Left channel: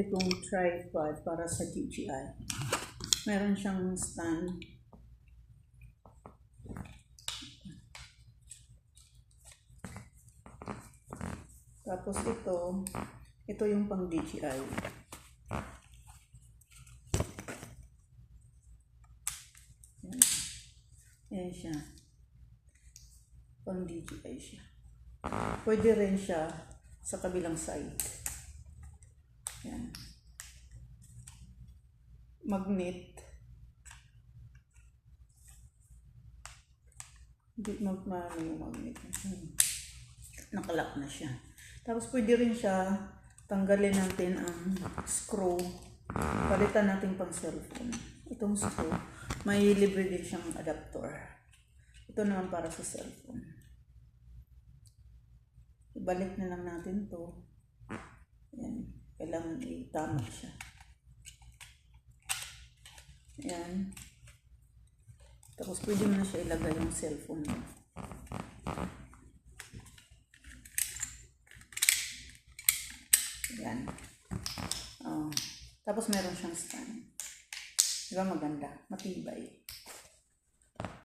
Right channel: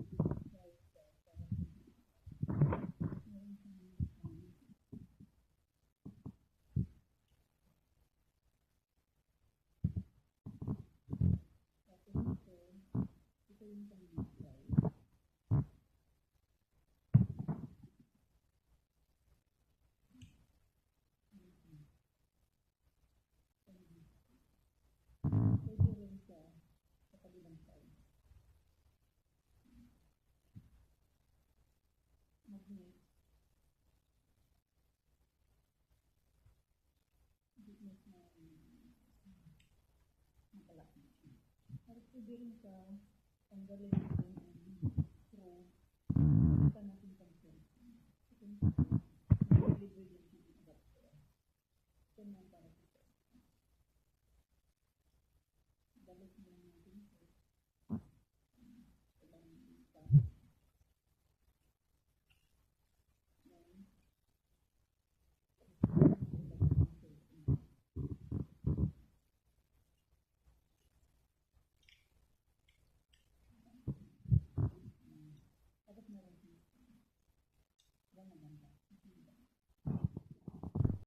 binili kong tripod para sa DJI. Meron siyang stand. Tapos ito yung pang DJI. Yan siya. Pang DJI siya. Pwede rin siya sa kabilang side. Yan. Magnet. Hindi magmano yung magnet. Nakalak na siya. Tapos pwede rin siya tanggalin natin ang screw. Palitan natin pang cellphone. Itong screw, may libre din siyang adapter. Ito naman para sa cellphone. Ibalik na lang natin to. Yan. Kailangan itama siya. Yan. Tapos pwede mo na siya ilagay yung cellphone mo. Yan. Tapos meron siyang stand. Diba maganda? Matibay.